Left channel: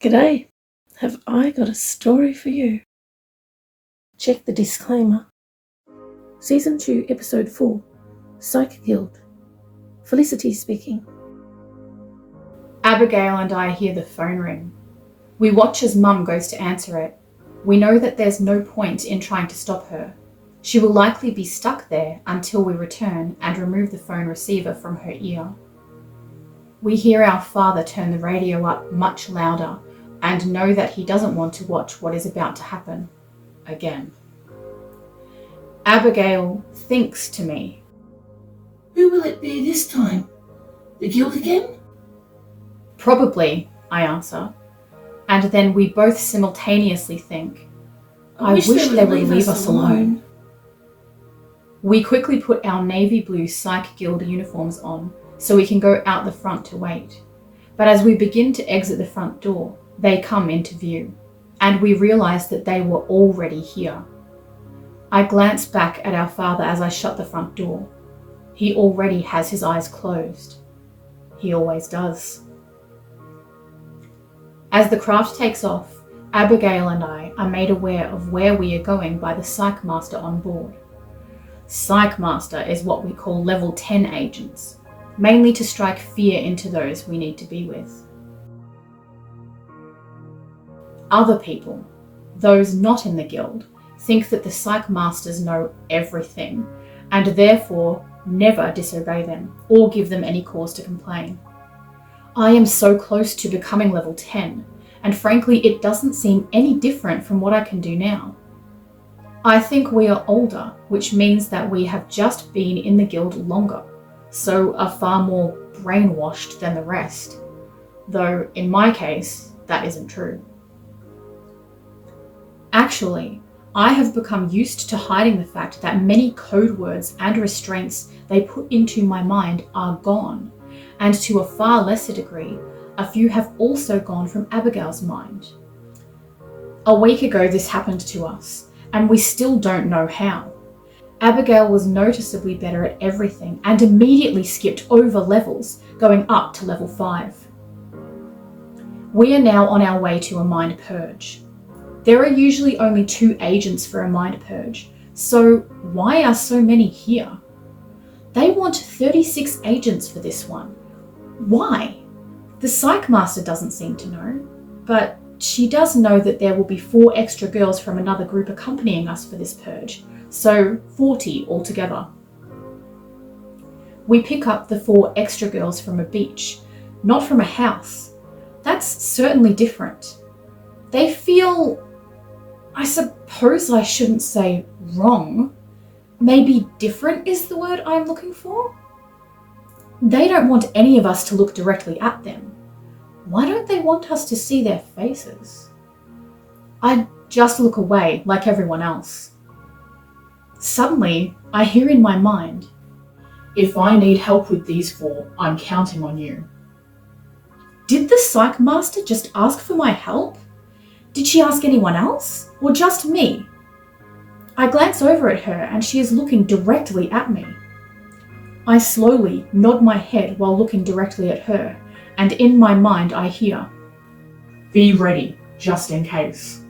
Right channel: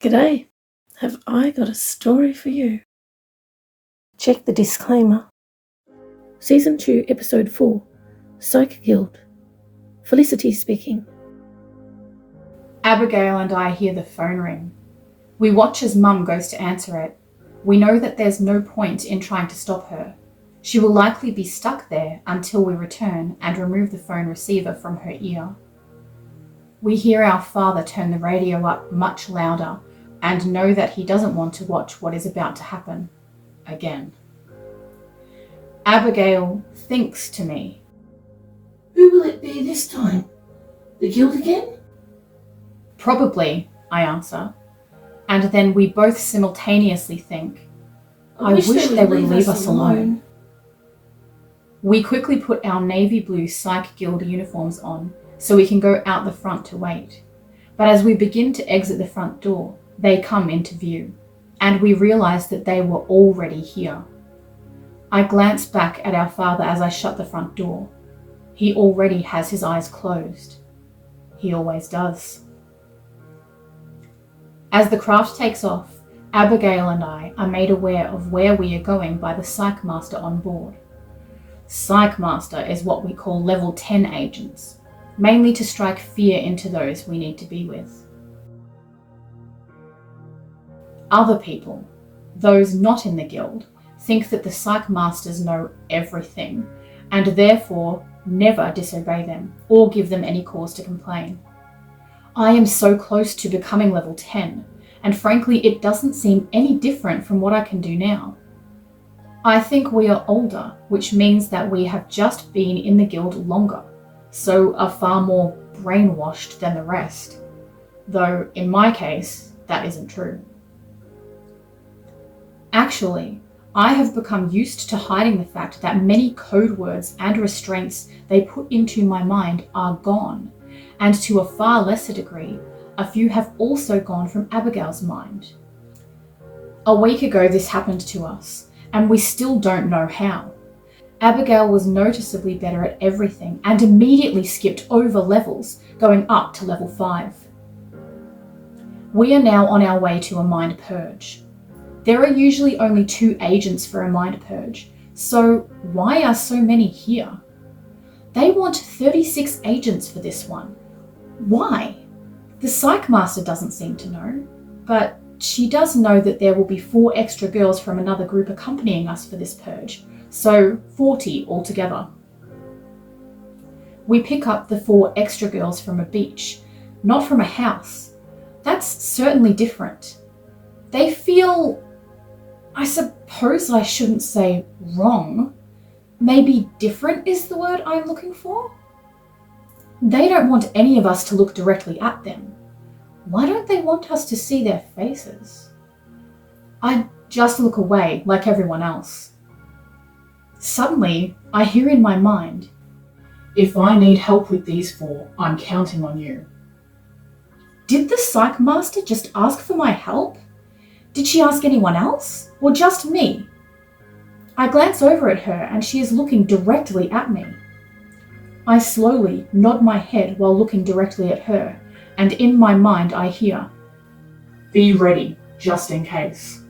G'day, have I got a story for you? Check the disclaimer. Season 2, Episode 4, Psych Guild. Felicity speaking. Abigail and I hear the phone ring. We watch as Mum goes to answer it. We know that there's no point in trying to stop her. She will likely be stuck there until we return and remove the phone receiver from her ear. We hear our father turn the radio up much louder and know that he doesn't want to watch what is about to happen again. Abigail thinks to me. Who will it be this time? The guild again? Probably, I answer. And then we both simultaneously think, I wish they would leave us alone. We quickly put our navy blue Psych Guild uniforms on so we can go out the front to wait. But as we begin to exit the front door, they come into view, and we realise that they were already here. I glance back at our father as I shut the front door. He already has his eyes closed. He always does. As the craft takes off, Abigail and I are made aware of where we are going by the Psych Master on board. Psych Master is what we call level 10 agents, mainly to strike fear into those we need to be with. Other people, those not in the guild, think that the Psych Masters know everything and therefore never disobey them or give them any cause to complain. I am so close to becoming level 10, and frankly it doesn't seem any different from what I can do now. I think we are older, which means that we have just been in the guild longer, so are far more brainwashed than the rest, though in my case that isn't true. Actually, I have become used to hiding the fact that many code words and restraints they put into my mind are gone, and to a far lesser degree, a few have also gone from Abigail's mind. A week ago this happened to us, and we still don't know how. Abigail was noticeably better at everything and immediately skipped over levels, going up to level 5. We are now on our way to a mind purge. There are usually only 2 agents for a mind purge, so why are so many here? They want 36 agents for this one. Why? The Psych Master doesn't seem to know, but she does know that there will be 4 extra girls from another group accompanying us for this purge, so 40 altogether. We pick up the 4 extra girls from a beach, not from a house. That's certainly different. They feel, I suppose I shouldn't say wrong, maybe different is the word I'm looking for. They don't want any of us to look directly at them. Why don't they want us to see their faces? I just look away like everyone else. Suddenly, I hear in my mind, if I need help with these 4, I'm counting on you. Did the Psych Master just ask for my help? Did she ask anyone else, or just me? I glance over at her and she is looking directly at me. I slowly nod my head while looking directly at her, and in my mind I hear, be ready, just in case.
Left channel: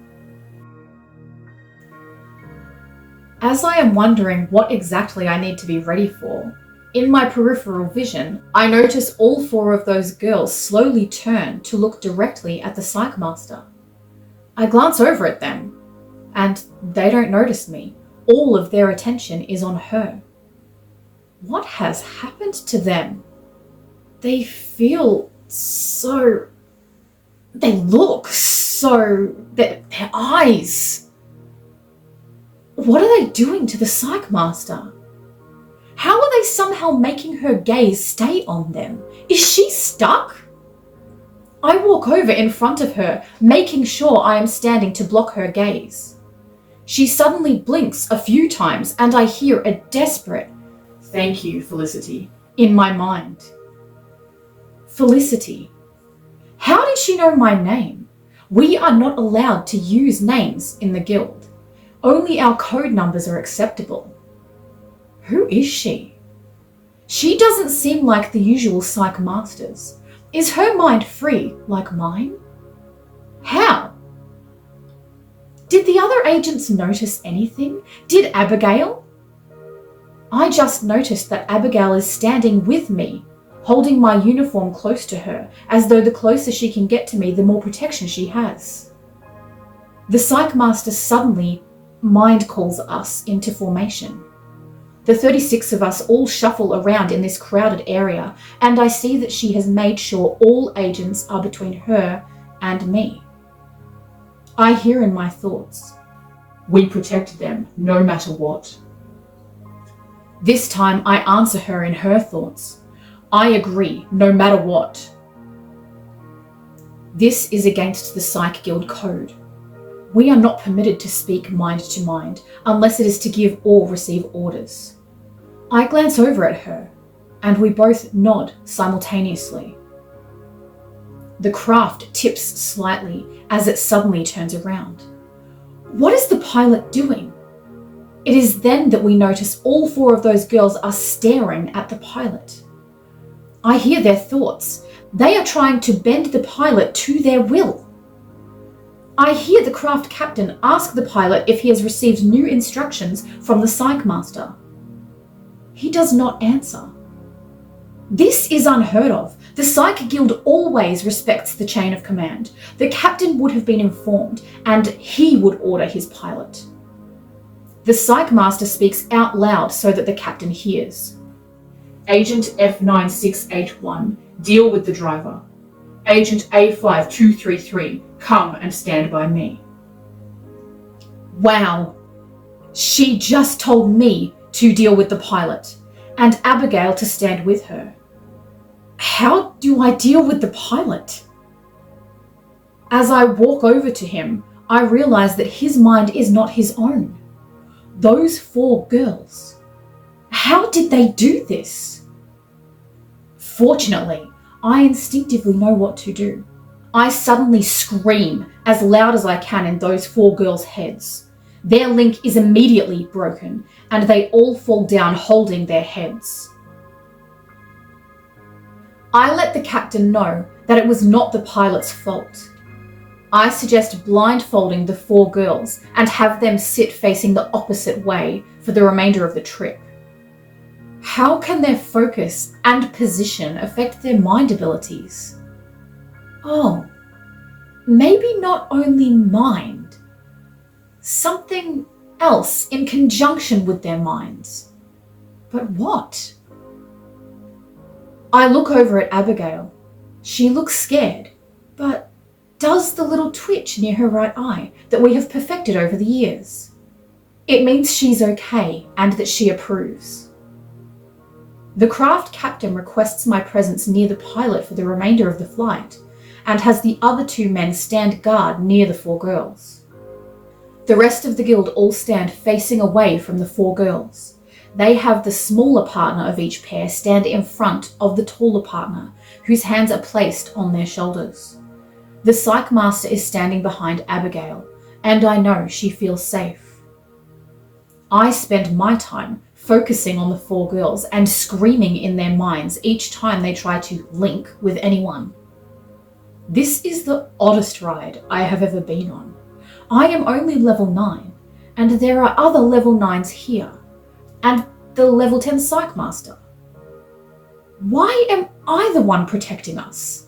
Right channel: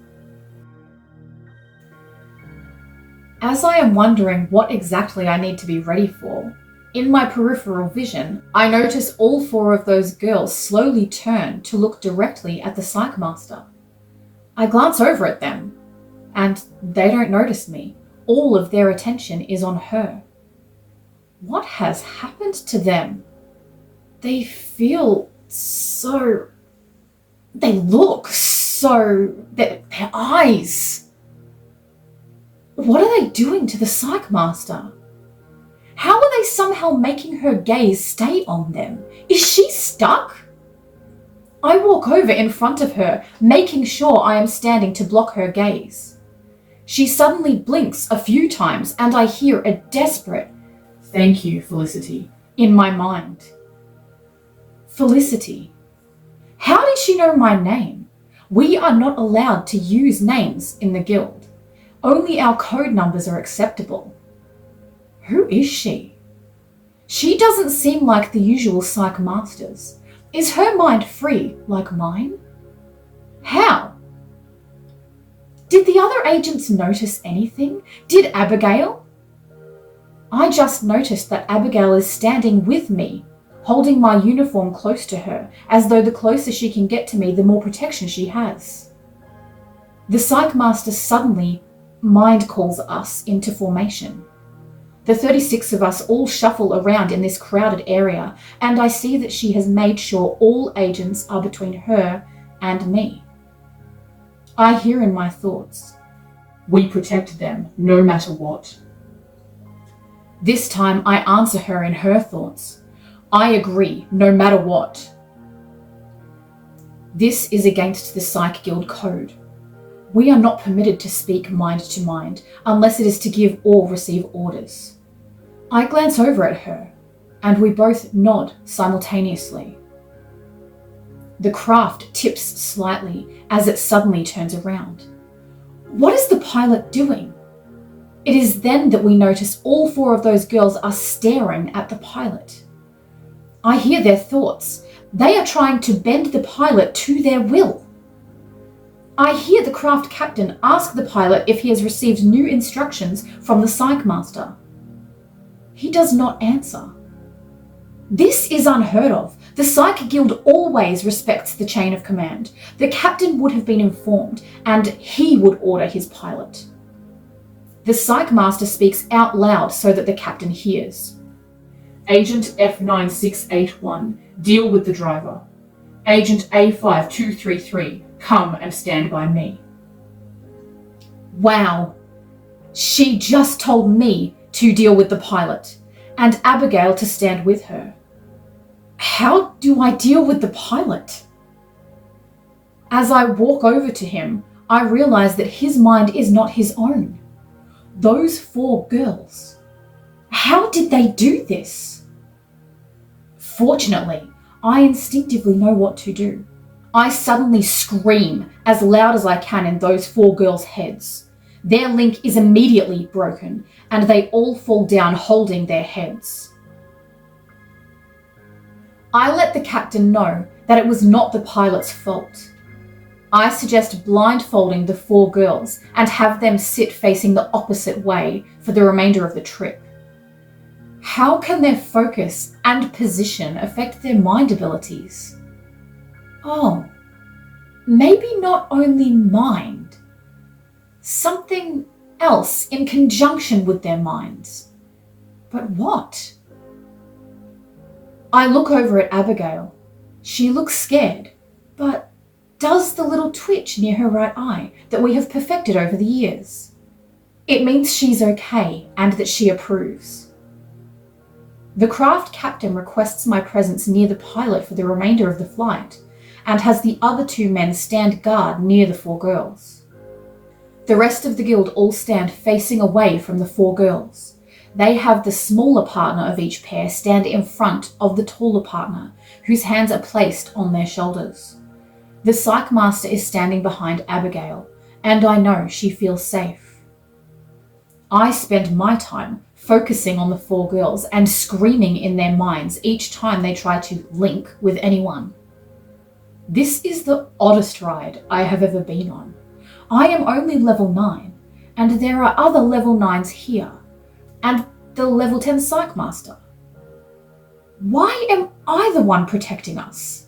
As I am wondering what exactly I need to be ready for, in my peripheral vision, I notice all 4 of those girls slowly turn to look directly at the Psych Master. I glance over at them, and they don't notice me. All of their attention is on her. What has happened to them? They feel so... They look so... Their eyes... What are they doing to the Psych Master? How are they somehow making her gaze stay on them? Is she stuck? I walk over in front of her, making sure I am standing to block her gaze. She suddenly blinks a few times and I hear a desperate, "Thank you, Felicity," in my mind. Felicity. How did she know my name? We are not allowed to use names in the guild. Only our code numbers are acceptable. Who is she? She doesn't seem like the usual Psych Masters. Is her mind free like mine? How? Did the other agents notice anything? Did Abigail? I just noticed that Abigail is standing with me, holding my uniform close to her, as though the closer she can get to me, the more protection she has. The Psych Master suddenly mind calls us into formation. The 36 of us all shuffle around in this crowded area, and I see that she has made sure all agents are between her and me. I hear in my thoughts, "We protect them, no matter what." This time I answer her in her thoughts, "I agree, no matter what." This is against the Psych Guild code. We are not permitted to speak mind to mind unless it is to give or receive orders. I glance over at her, and we both nod simultaneously. The craft tips slightly as it suddenly turns around. What is the pilot doing? It is then that we notice all 4 of those girls are staring at the pilot. I hear their thoughts. They are trying to bend the pilot to their will. I hear the craft captain ask the pilot if he has received new instructions from the Psych Master. He does not answer. This is unheard of. The Psych Guild always respects the chain of command. The captain would have been informed, and he would order his pilot. The Psych Master speaks out loud so that the captain hears. "Agent F9681, deal with the driver. Agent A5233, come and stand by me." Wow. She just told me to deal with the pilot, and Abigail to stand with her. How do I deal with the pilot? As I walk over to him, I realize that his mind is not his own. Those 4 girls. How did they do this? Fortunately, I instinctively know what to do. I suddenly scream as loud as I can in those 4 girls' heads. Their link is immediately broken, and they all fall down holding their heads. I let the captain know that it was not the pilot's fault. I suggest blindfolding the 4 girls and have them sit facing the opposite way for the remainder of the trip. How can their focus and position affect their mind abilities? Oh, maybe not only mind. Something else in conjunction with their minds. But what? I look over at Abigail. She looks scared, but does the little twitch near her right eye that we have perfected over the years. It means she's okay and that she approves. The craft captain requests my presence near the pilot for the remainder of the flight, and has the other 2 men stand guard near the 4 girls. The rest of the guild all stand facing away from the 4 girls. They have the smaller partner of each pair stand in front of the taller partner, whose hands are placed on their shoulders. The Psych Master is standing behind Abigail, and I know she feels safe. I spend my time focusing on the 4 girls and screaming in their minds each time they try to link with anyone. This is the oddest ride I have ever been on. I am only level 9, and there are other level 9s here, and the level 10 Psych Master. Why am I the one protecting us?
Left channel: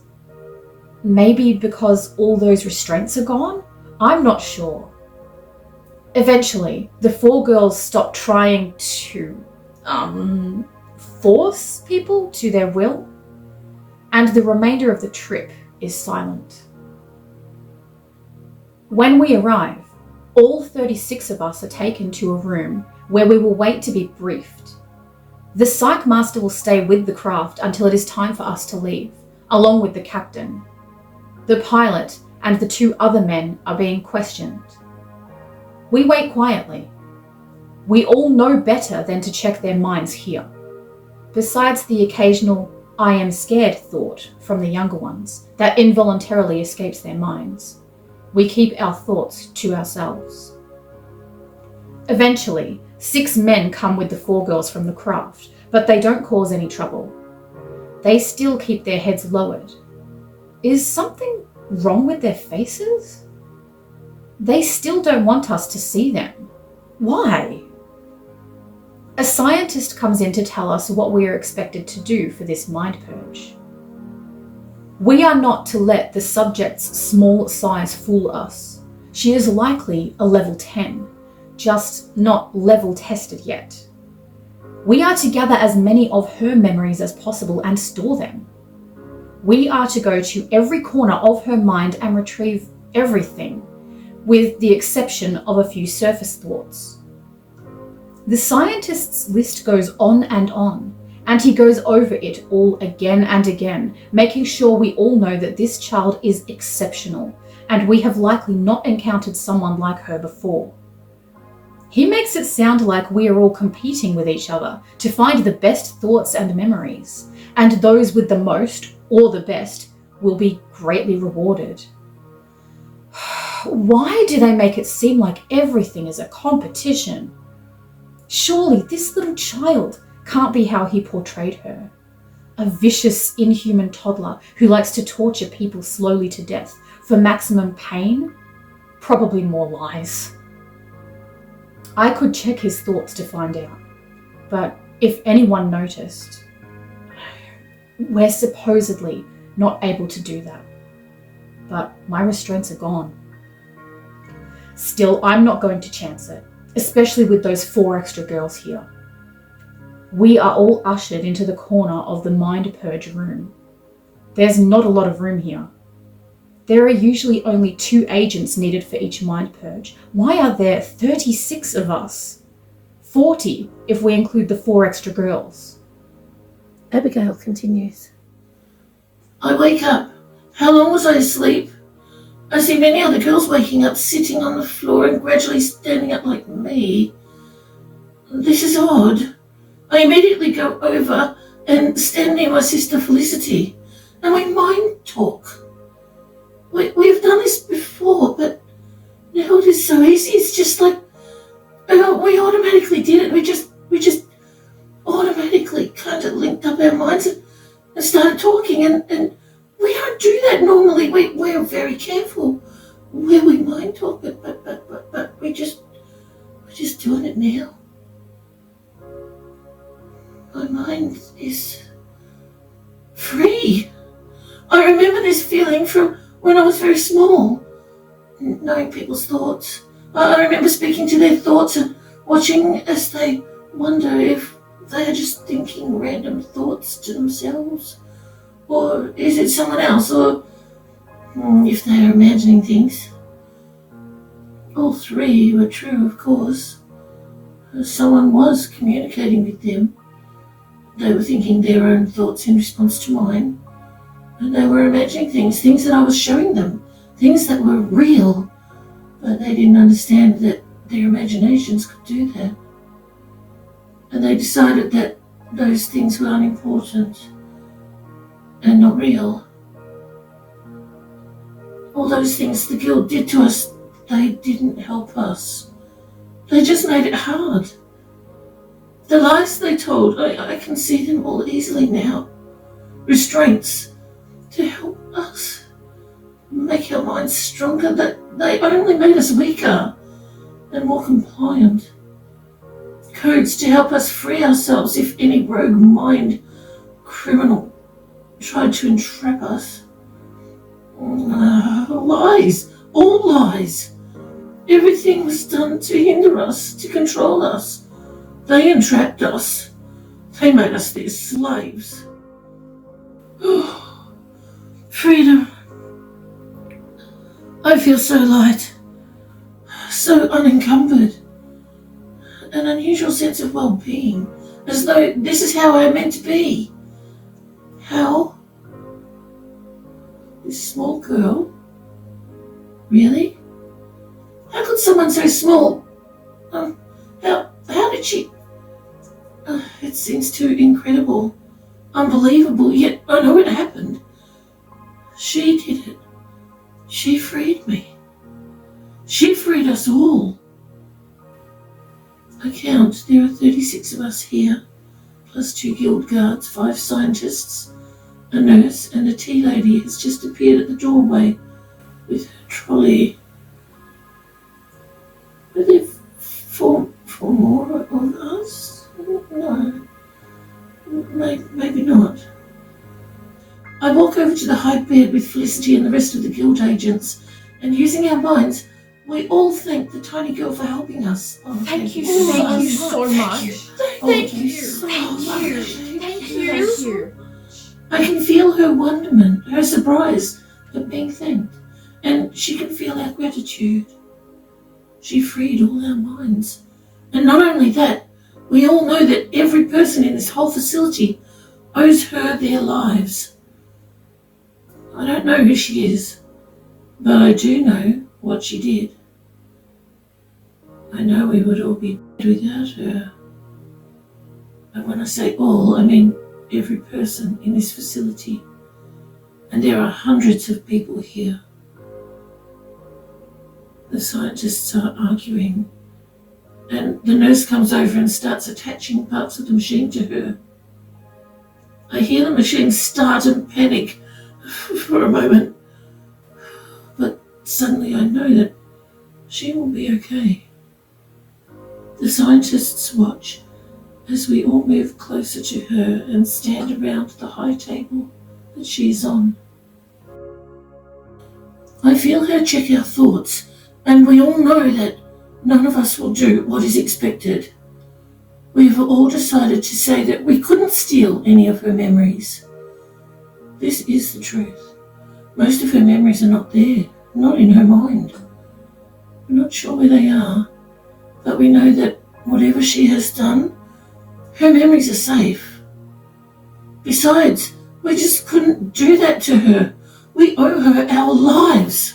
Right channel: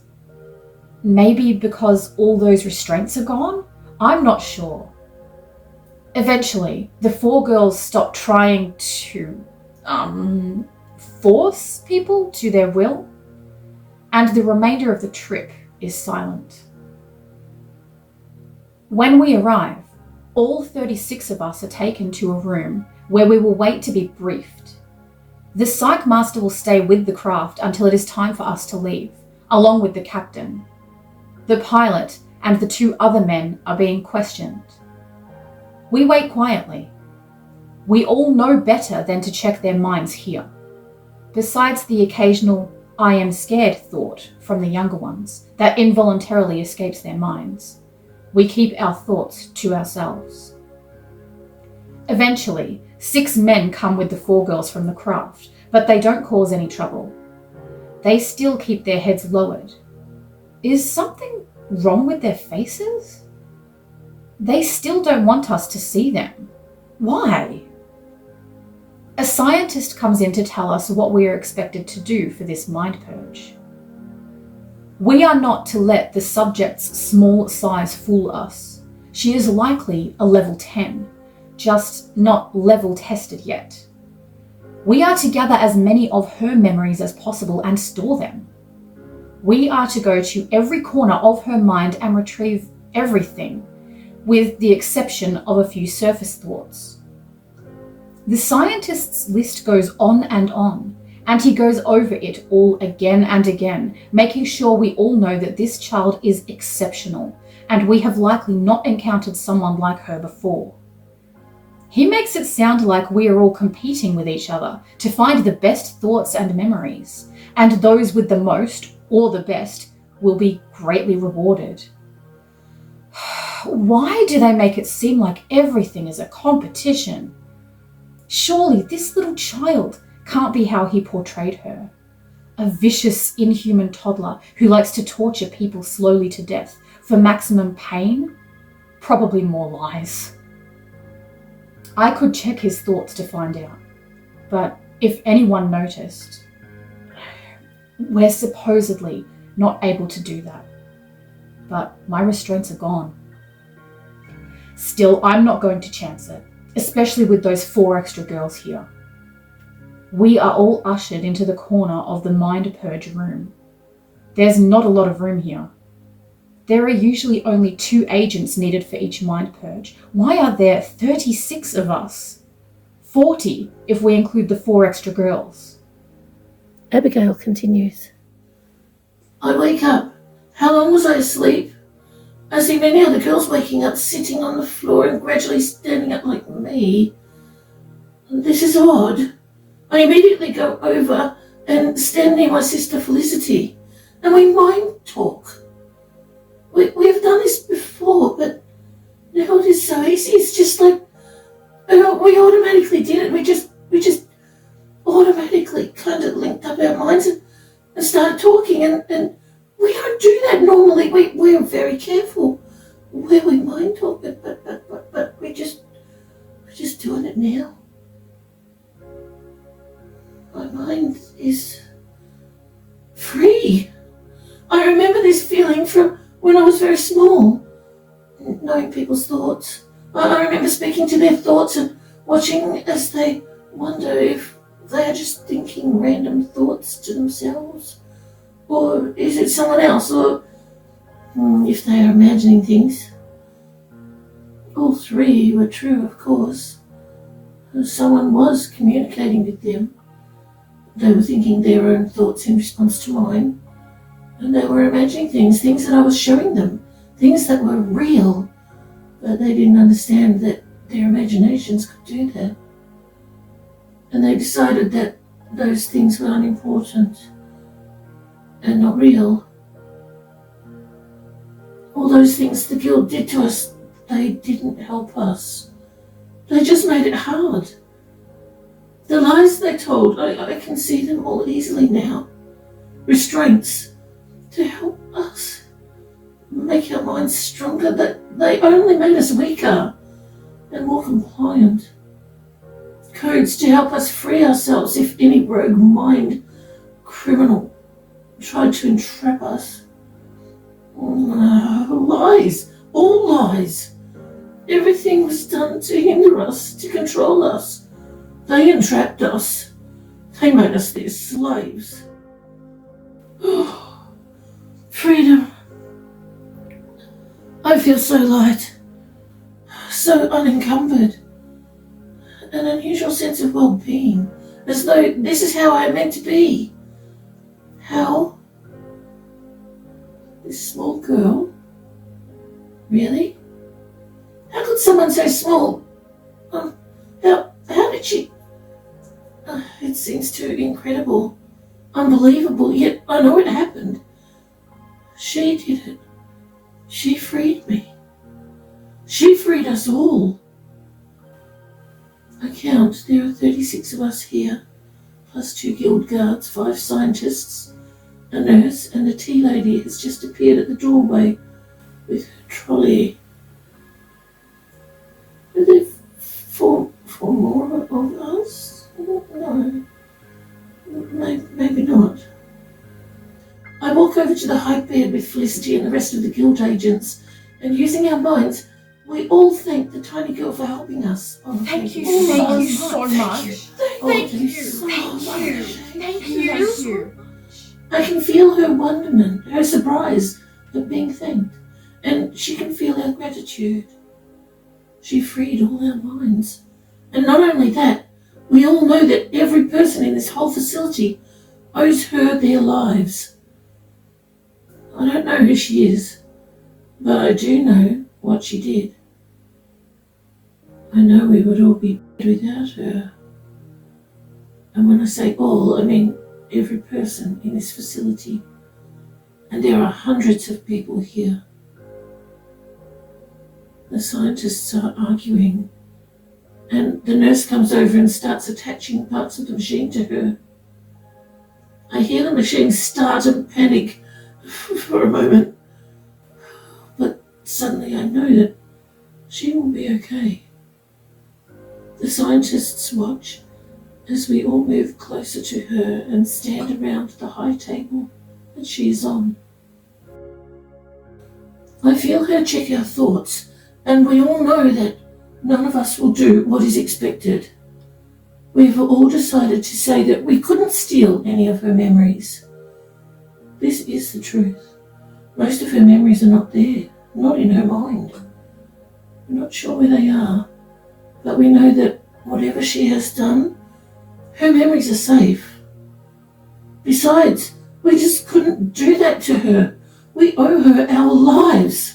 Maybe because all those restraints are gone? I'm not sure. Eventually, the 4 girls stop trying to force people to their will, and the remainder of the trip is silent. When we arrive, all 36 of us are taken to a room where we will wait to be briefed. The Psych Master will stay with the craft until it is time for us to leave, along with the captain. The pilot and the 2 other men are being questioned. We wait quietly. We all know better than to check their minds here. Besides the occasional "I am scared" thought from the younger ones that involuntarily escapes their minds, we keep our thoughts to ourselves. Eventually, 6 men come with the 4 girls from the craft, but they don't cause any trouble. They still keep their heads lowered. Is something wrong with their faces? They still don't want us to see them. Why? A scientist comes in to tell us what we are expected to do for this mind purge. We are not to let the subject's small size fool us. She is likely a level 10, just not level tested yet. We are to gather as many of her memories as possible and store them. We are to go to every corner of her mind and retrieve everything, with the exception of a few surface thoughts. The scientist's list goes on, and he goes over it all again and again, making sure we all know that this child is exceptional, and we have likely not encountered someone like her before. He makes it sound like we are all competing with each other to find the best thoughts and memories, and those with the most, or the best, will be greatly rewarded. Why do they make it seem like everything is a competition? Surely this little child can't be how he portrayed her. A vicious, inhuman toddler who likes to torture people slowly to death for maximum pain? Probably more lies. I could check his thoughts to find out, but if anyone noticed, we're supposedly not able to do that. But my restraints are gone. Still, I'm not going to chance it, especially with those 4 extra girls here. We are all ushered into the corner of the mind purge room. There's not a lot of room here. There are usually only 2 agents needed for each mind purge. Why are there 36 of us? 40 if we include the 4 extra girls. Abigail continues. I wake up. How long was I asleep? I see many other girls waking up, sitting on the floor and gradually standing up like me. This is odd. I immediately go over and stand near my sister Felicity, and we mind talk. We have done this before, but now it is so easy. It's just like we automatically did it. We just automatically kind of linked up our minds and started talking, and we don't do that normally. We are very careful where we mind talk, but we're just doing it now. My mind is free. I remember this feeling from when I was very small, knowing people's thoughts. I remember speaking to their thoughts and watching as they wonder if they are just thinking random thoughts to themselves, or is it someone else, or if they are imagining things. All 3 were true, of course. Someone was communicating with them. They were thinking their own thoughts in response to mine, and they were imagining things that I was showing them, things that were real, but they didn't understand that their imaginations could do that. And they decided that those things were unimportant and not real. All those things the guilt did to us, they didn't help us. They just made it hard. The lies they told, I can see them all easily now. Restraints to help us make our minds stronger, that they only made us weaker and more compliant. Codes to help us free ourselves if any rogue mind criminal tried to entrap us. Lies, all lies. Everything was done to hinder us, to control us. They entrapped us. They made us their slaves. Oh, freedom. I feel so light, so unencumbered. An unusual sense of well-being, as though this is how I'm meant to be. How? This small girl? Really? How could someone so small? How did she? It seems too incredible, unbelievable, yet I know it happened. She did it. She freed me. She freed us all. I count, there are 36 of us here, plus 2 guild guards, 5 scientists, a nurse, and a tea lady has just appeared at the doorway with her trolley. Are there four more of us? No. Maybe not. I walk over to the high bed with Felicity and the rest of the guild agents, and using our minds, we all thank the tiny girl for helping us. Oh, Thank you so much. Thank you. I can feel her wonderment, her surprise at being thanked, and she can feel our gratitude. She freed all our minds. And not only that, we all know that every person in this whole facility owes her their lives. I don't know who she is, but I do know what she did. I know we would all be dead without her. And when I say all, I mean every person in this facility. And there are hundreds of people here. The scientists are arguing, and the nurse comes over and starts attaching parts of the machine to her. I hear the machine start and panic for a moment, but suddenly I know that she will be okay. The scientists watch as we all move closer to her and stand around the high table that she's on. I feel her check our thoughts, and we all know that none of us will do what is expected. We've all decided to say that we couldn't steal any of her memories. This is the truth. Most of her memories are not there, not in her mind. We're not sure where they are, but we know that whatever she has done, her memories are safe. Besides, we just couldn't do that to her. We owe her our lives.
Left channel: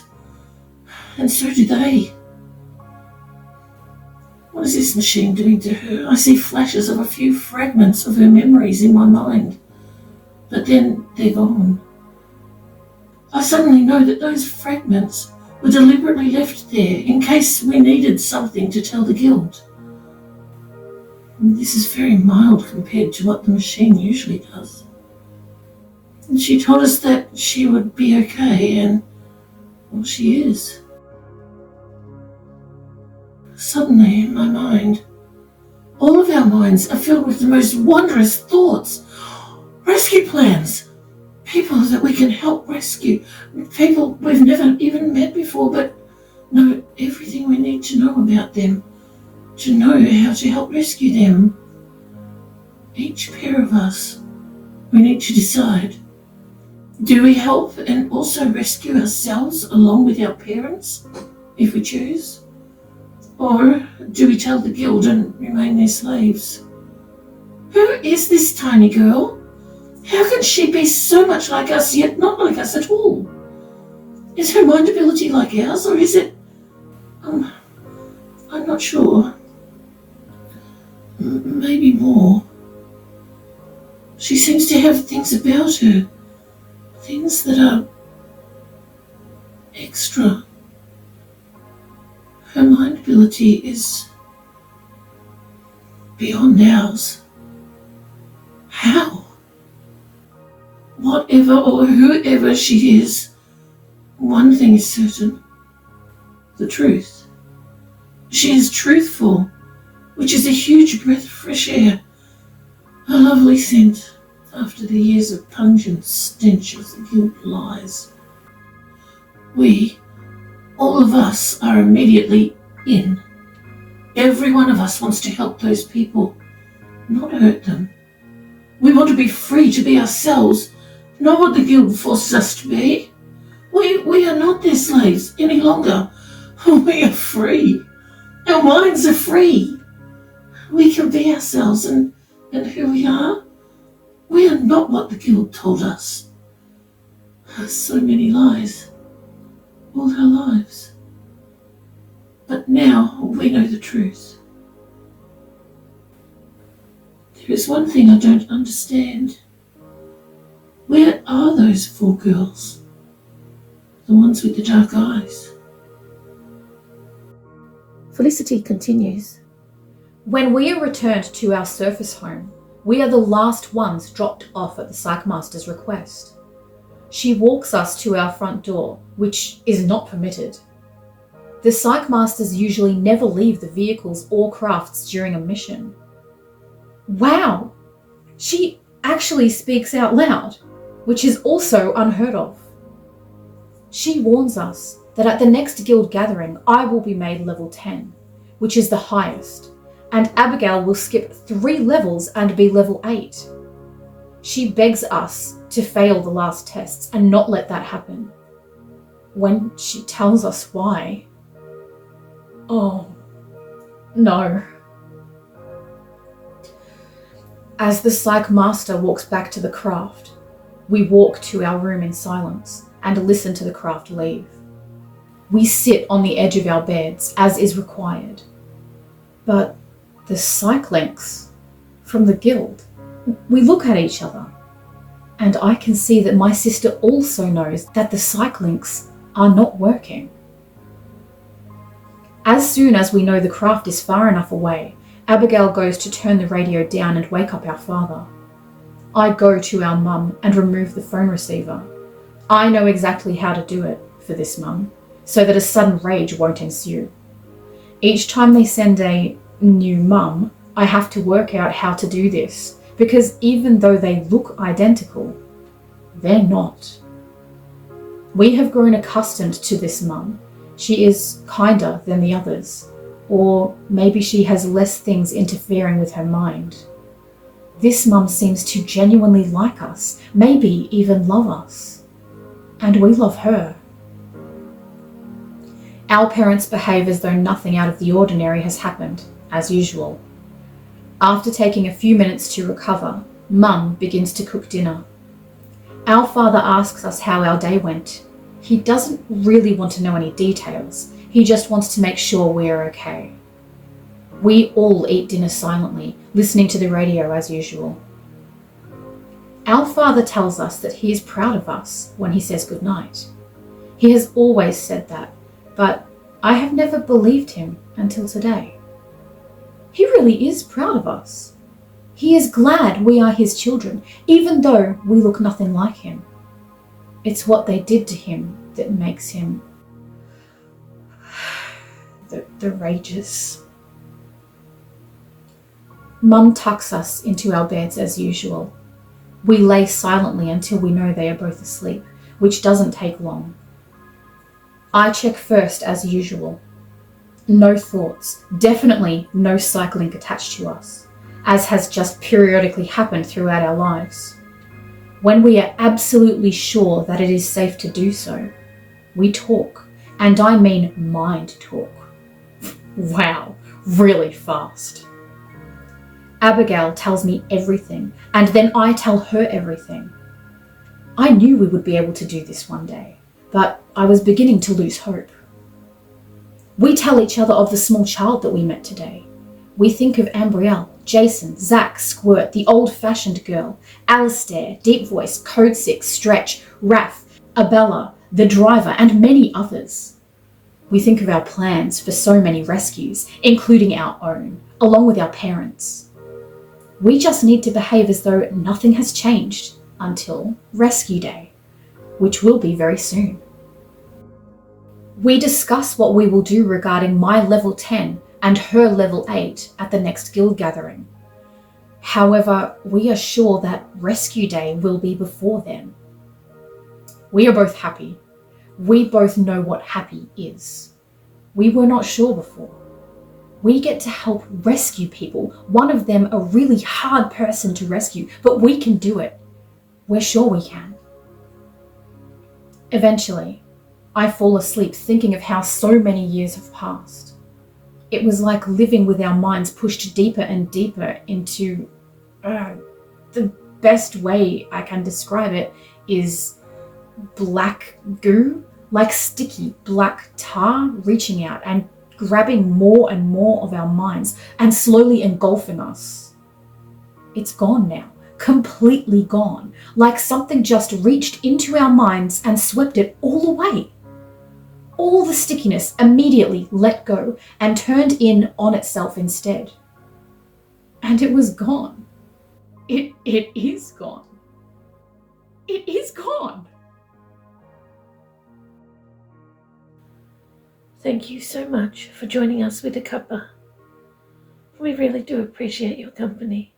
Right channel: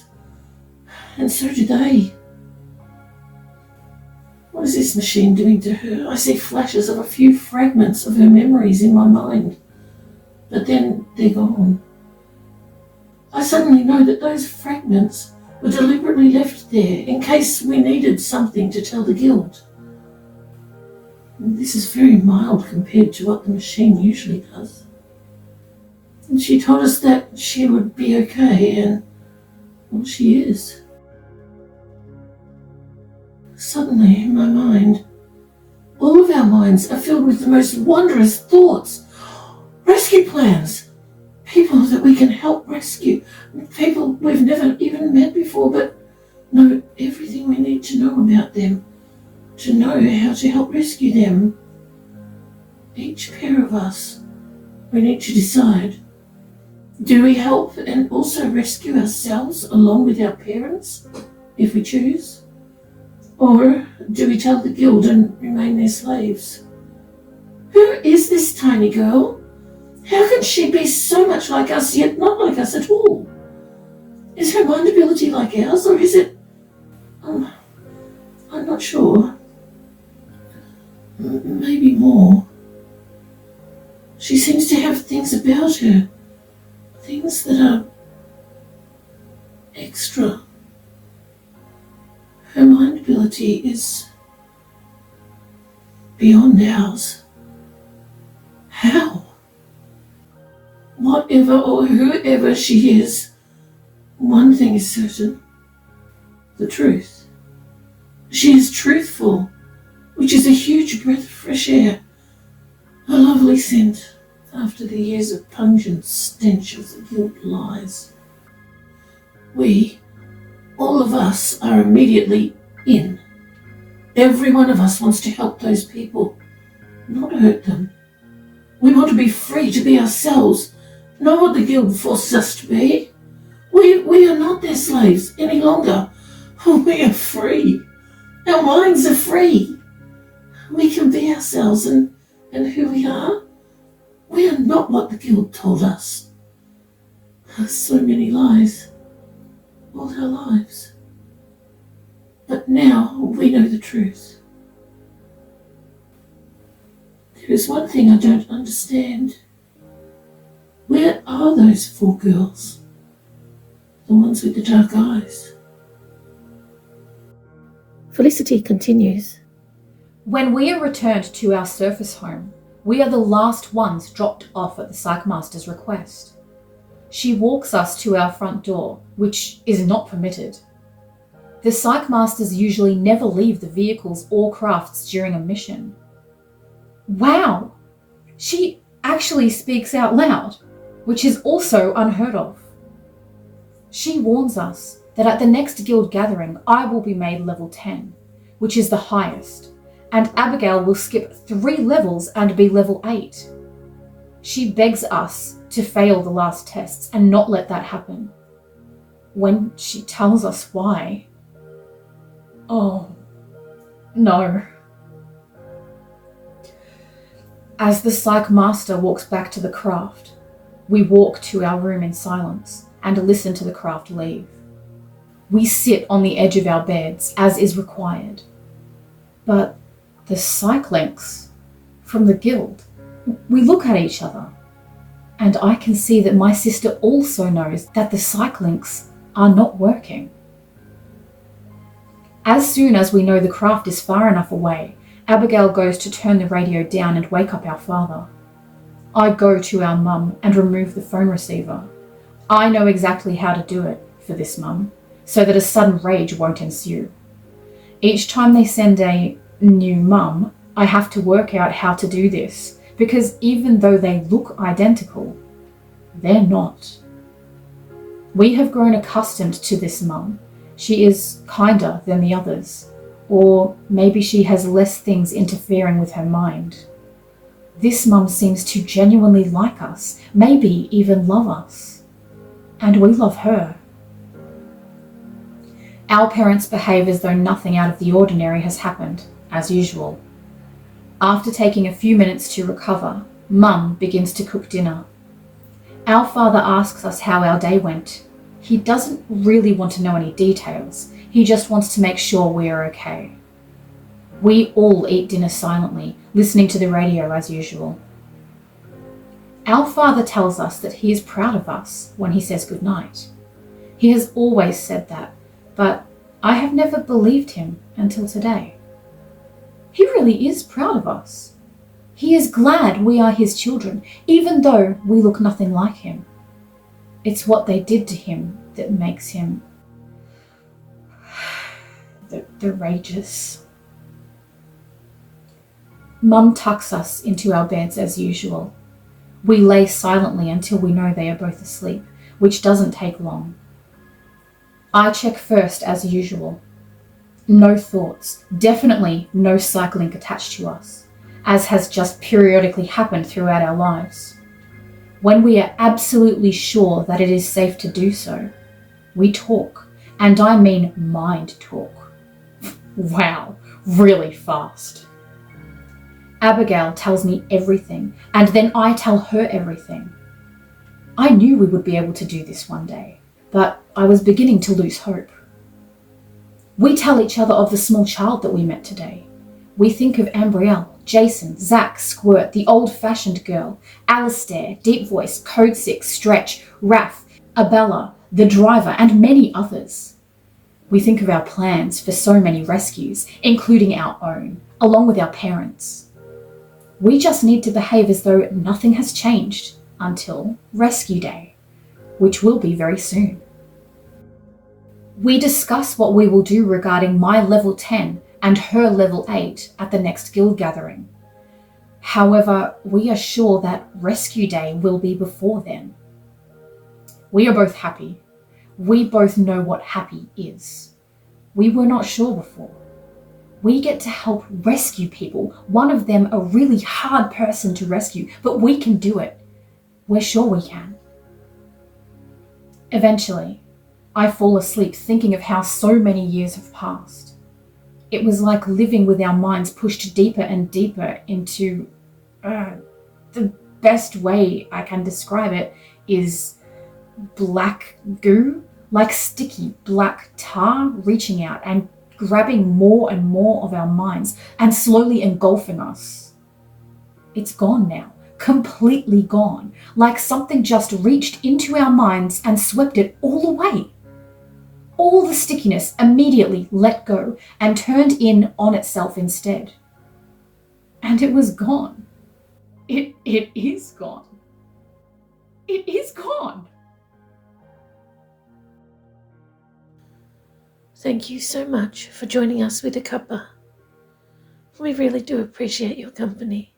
And so do they. What is this machine doing to her? I see flashes of a few fragments of her memories in my mind, but then they're gone. I suddenly know that those fragments were deliberately left there in case we needed something to tell the guild. This is very mild compared to what the machine usually does. And she told us that she would be okay, and well, she is. Suddenly, in my mind, all of our minds are filled with the most wondrous thoughts. Rescue plans. People that we can help rescue. People we've never even met before, but know everything we need to know about them, to know how to help rescue them. Each pair of us, we need to decide. Do we help and also rescue ourselves along with our parents, if we choose? Or do we tell the guild and remain their slaves? Who is this tiny girl? How can she be so much like us, yet not like us at all? Is her mind ability like ours, or is it... I'm not sure. Maybe more. She seems to have things about her. Things that are extra. Her mind ability is beyond ours. How? Whatever or whoever she is, one thing is certain. The truth. She is truthful, which is a huge breath of fresh air. A lovely scent after the years of pungent stench of the guilt lies. We, all of us, are immediately in. Every one of us wants to help those people, not hurt them. We want to be free to be ourselves, not what the guild forces us to be. We are not their slaves any longer. We are free. Our minds are free. We can be ourselves and who we are. We are not what the guild told us. So many lies. All our lives. But now we know the truth. There is one thing I don't understand. Where are those 4 girls? The ones with the dark eyes. Felicity continues. When we are returned to our surface home, we are the last ones dropped off at the Psych Master's request. She walks us to our front door, which is not permitted. The Psych Masters usually never leave the vehicles or crafts during a mission. Wow! She actually speaks out loud, which is also unheard of. She warns us that at the next guild gathering, I will be made level 10, which is the highest, and Abigail will skip 3 levels and be level 8. She begs us to fail the last tests and not let that happen. When she tells us why, oh, no. As the Psych Master walks back to the craft, we walk to our room in silence and listen to the craft leave. We sit on the edge of our beds, as is required. But the Psych links from the guild, we look at each other, and I can see that my sister also knows that the Psych links are not working. As soon as we know the craft is far enough away, Abigail goes to turn the radio down and wake up our father. I go to our mum and remove the phone receiver. I know exactly how to do it for this mum, so that a sudden rage won't ensue. Each time they send a new mum, I have to work out how to do this, because even though they look identical, they're not. We have grown accustomed to this mum. She is kinder than the others, or maybe she has less things interfering with her mind. This mum seems to genuinely like us, maybe even love us. And we love her. Our parents behave as though nothing out of the ordinary has happened, as usual. After taking a few minutes to recover, Mum begins to cook dinner. Our father asks us how our day went. He doesn't really want to know any details. He just wants to make sure we are okay. We all eat dinner silently, listening to the radio as usual. Our father tells us that he is proud of us when he says goodnight. He has always said that, but I have never believed him until today. He really is proud of us. He is glad we are his children, even though we look nothing like him. It's what they did to him that makes him the rages. Mum tucks us into our beds as usual. We lay silently until we know they are both asleep, which doesn't take long. I check first as usual. No thoughts, definitely no Psych link attached to us, as has just periodically happened throughout our lives. When we are absolutely sure that it is safe to do so, we talk, and I mean mind talk. Wow, really fast. Abigail tells me everything, and then I tell her everything. I knew we would be able to do this one day, but I was beginning to lose hope. We tell each other of the small child that we met today. We think of Ambrielle, Jason, Zach, Squirt, the old-fashioned girl, Alistair, Deep Voice, Code 6, Stretch, Raph, Abella, the driver, and many others. We think of our plans for so many rescues, including our own, along with our parents. We just need to behave as though nothing has changed until Rescue Day, which will be very soon. We discuss what we will do regarding my level 10 and her level 8 at the next guild gathering. However, we are sure that Rescue Day will be before then. We are both happy. We both know what happy is. We were not sure before. We get to help rescue people, one of them a really hard person to rescue, but we can do it. We're sure we can. Eventually, I fall asleep thinking of how so many years have passed. It was like living with our minds pushed deeper and deeper into... the best way I can describe it is black goo, like sticky black tar reaching out and grabbing more and more of our minds and slowly engulfing us. It's gone now, completely gone, like something just reached into our minds and swept it all away. All the stickiness immediately let go and turned in on itself instead. And it was gone. It is gone. It is gone. Thank you so much for joining us with a cuppa. We really do appreciate your company.